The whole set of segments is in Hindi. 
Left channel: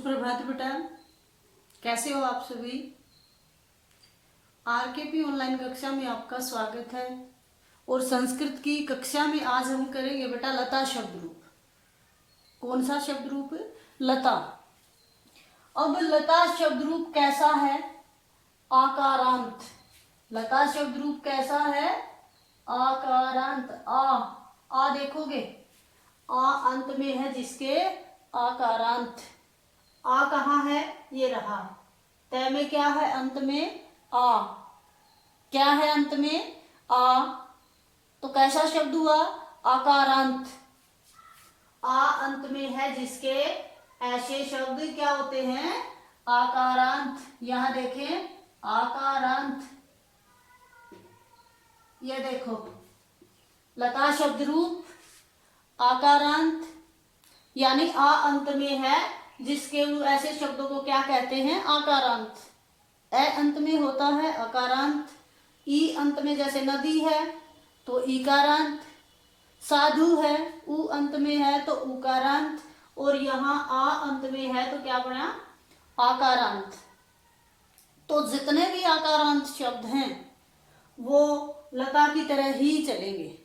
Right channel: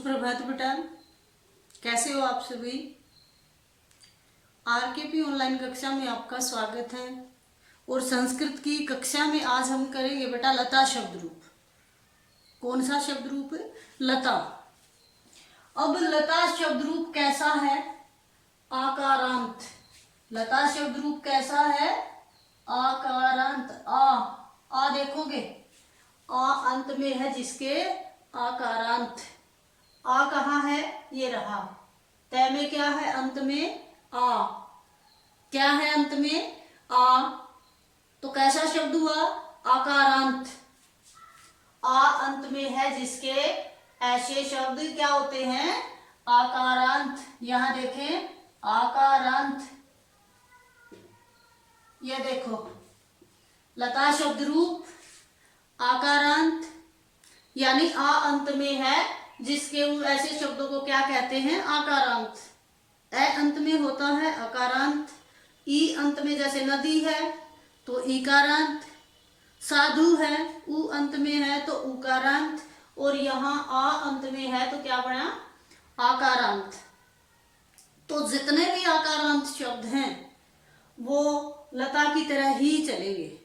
सुप्रभात बेटा, कैसे हो आप सभी। आरकेपी ऑनलाइन कक्षा में आपका स्वागत है। और संस्कृत की कक्षा में आज हम करेंगे बेटा लता शब्द रूप। कौन सा शब्द रूप? लता। अब लता शब्द रूप कैसा है? आकारांत। लता शब्द रूप कैसा है? आकारांत। आ देखोगे, आ अंत में है जिसके आकारांत। आ कहाँ है? ये रहा। तय में क्या है? अंत में आ। क्या है अंत में? आ। तो कैसा शब्द हुआ? आकारांत। आ अंत में है जिसके ऐसे शब्द क्या होते हैं? आकारांत। यहां देखें, आकारांत। ये देखो, लता शब्द रूप आकारांत, यानी आ अंत में है जिसके ऐसे शब्दों को क्या कहते हैं? आकारांत। ए अंत में होता है अकारांत। ई अंत में जैसे नदी है तो ईकारांत। साधु है, उ अंत में है तो उकारांत। और यहाँ आ अंत में है तो क्या बना? आकारांत। तो जितने भी आकारांत शब्द हैं वो लता की तरह ही चलेंगे।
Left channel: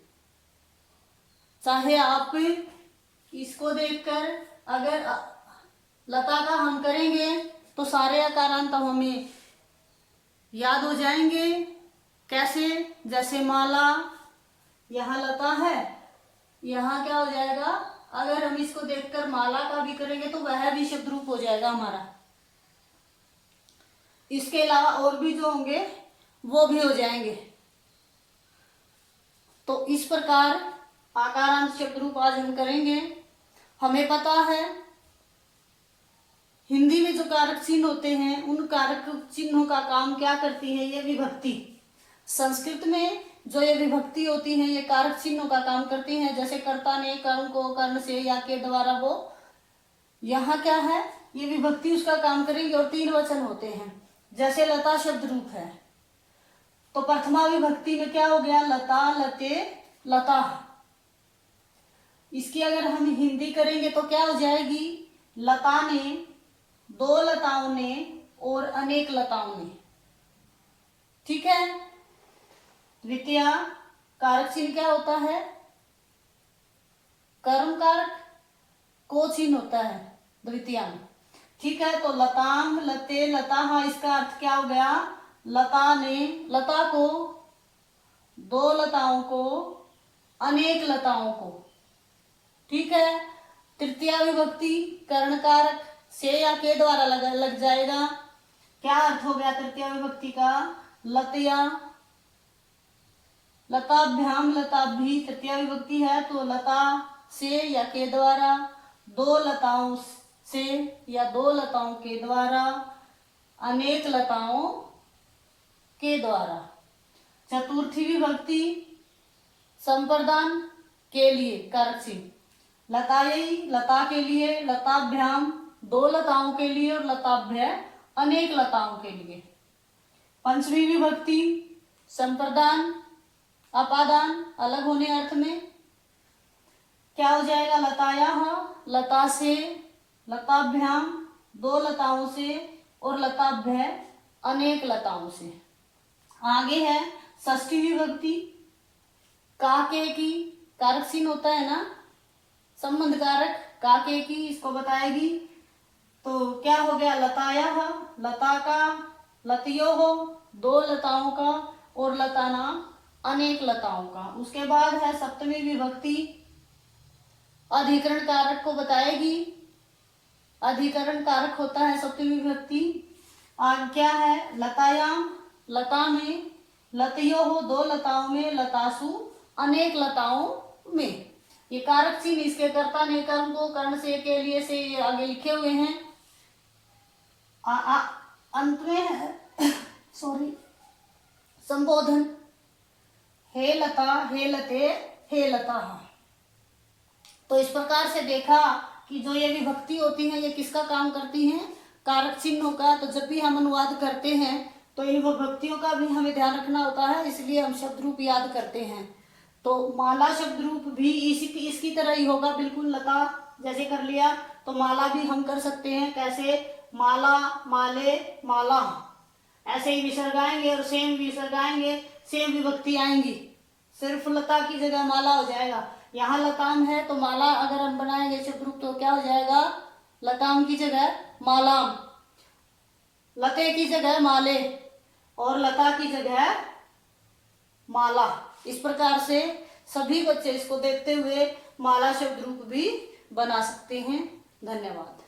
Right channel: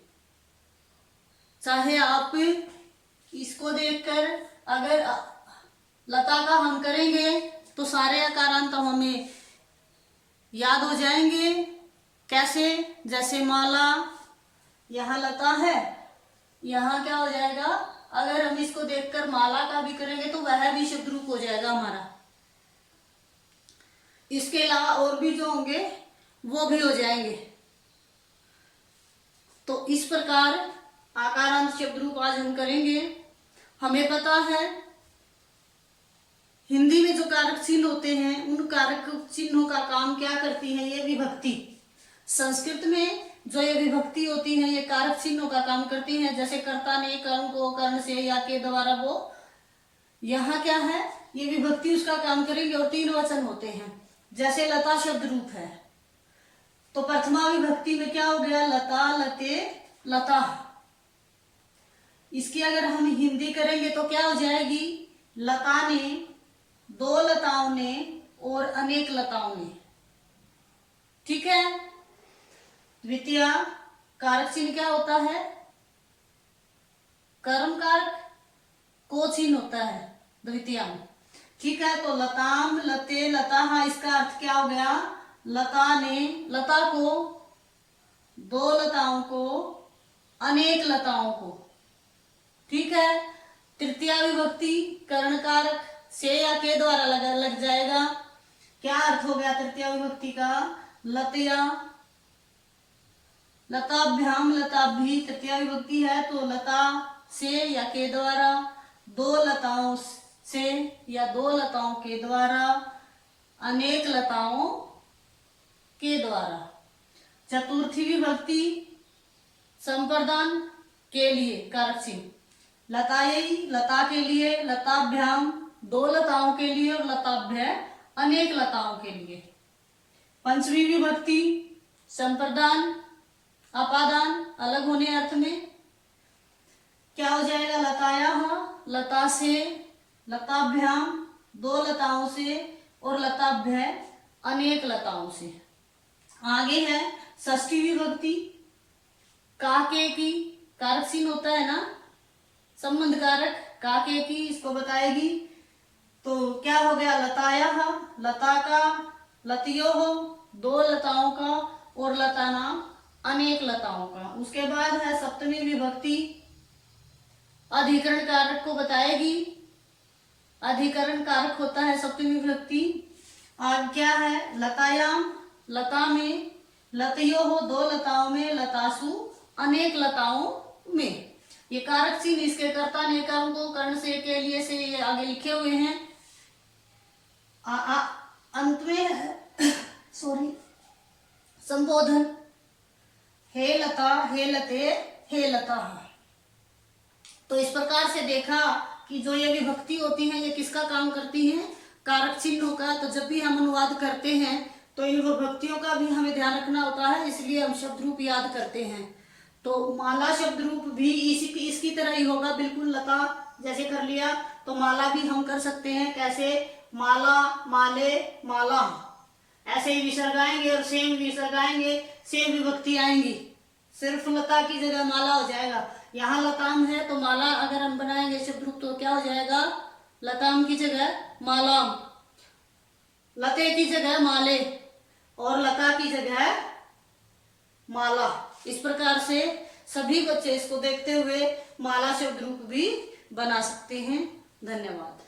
चाहे आप इसको देखकर अगर लता का हम करेंगे तो सारे आकारांत हमें याद हो जाएंगे। कैसे? जैसे माला, यहाँ लता है, यहाँ क्या हो जाएगा? अगर हम इसको देखकर माला का भी करेंगे तो वह भी शब्द रूप हो जाएगा हमारा। इसके अलावा और भी जो होंगे वो भी हो जाएंगे। तो इस प्रकार आकारांत शब्द रूप आज हम करेंगे। हमें पता है हिंदी में जो कारक चिन्ह होते हैं उन कारक चिन्हों का काम क्या करती है? ये विभक्ति। संस्कृत में जो ये विभक्ति होती है ये कारक चिन्हों का काम करती है। जैसे कर्ता ने कर्ण को कर्ण से या के द्वारा, वो यहाँ क्या है? ये विभक्ति उसका काम करेंगे। और तीन वचन होते हैं। जैसे लता शब्द रूप है तो प्रथमा विभक्ति में क्या हो गया? लता, लते, लता। इसकी अगर हम हिंदी करेंगे तो क्या हो जाएगी? लता ने, दो लताओं ने और अनेक लताओं ने। ठीक है। द्वितीय कारक चिन्ह क्या होता है? कर्म कारक को चिन्ह होता है द्वितीय में। ठीक है। तो लताम, लते, लता, इसका अर्थ क्या हो गया? लता ने, लता को, दो लताओं को, अनेक लताओं को। ठीक है। तृतीया विभक्ति कर्ण कारक से या के द्वारा लग जाएगा। क्या अर्थ हो गया तृतीया विभक्ति का? लतया, लताभ्याम, लताभि। तृतीया विभक्ति है तो लता से या के द्वारा, दो लताओं से या दो लताओं के द्वारा, अनेक लताओं के द्वारा। चतुर्थी विभक्ति संप्रदान के लिए कारक चिन्ह लतायी, लता के लिए, लताभ्याम दो लताओं के लिए और लताभ्य अनेक लताओं के लिए। पंचमी विभक्ति संप्रदान अपादान अलग होने अर्थ में क्या हो जाएगा? लताया, लता से, लताभ्याम दो लताओं से और लताभ्य अनेक लताओं से। आगे है षष्ठी विभक्ति काके की, कारक चिन्ह होता है ना संबंध कारक, काके की, इसको बताएगी। तो क्या हो गया? लताया, लता का, लतियो हो दो लताओं का और लताना अनेक लताओं का। उसके बाद है सप्तमी विभक्ति अधिकरण कारक को बताएगी। अधिकरण कारक होता है सप्तमी विभक्ति। आगे क्या है? लतायाम, लता में, लतियो हो दो लताओं में, लतासु अनेक लताओं में। ये कारक चिन्ह इसके कर्ता ने कर्म को कर्ण से के लिए से ये आगे लिखे हुए हैं। अंत में है सॉरी संबोधन, हे लता, हे लते, हे लता। तो इस प्रकार से देखा कि जो ये विभक्ति होती है ये किसका काम करती हैं? कारक चिन्हों का। तो जब भी हम अनुवाद करते हैं तो इन विभक्तियों का भी हमें ध्यान रखना होता है, इसलिए हम शब्द रूप याद करते हैं। तो माला शब्द रूप भी इसकी तरह ही होगा, बिल्कुल लता जैसे कर लिया। तो माला भी हम कर सकते हैं। कैसे? माला, माले, माला। ऐसे ही विसर्ग आएंगे और सेम विसर्ग आएंगे, सेम विभक्ति आएंगी। सिर्फ लता की जगह माला हो जाएगा। यहाँ लताम है तो माला अगर हम बनाएंगे शब्द रूप तो क्या हो जाएगा? लताम की जगह मालाम, लते की जगह माले और लता की जगह माला। इस प्रकार से सभी बच्चे इसको देखते हुए माला शब्द रूप भी बना सकते हैं। धन्यवाद।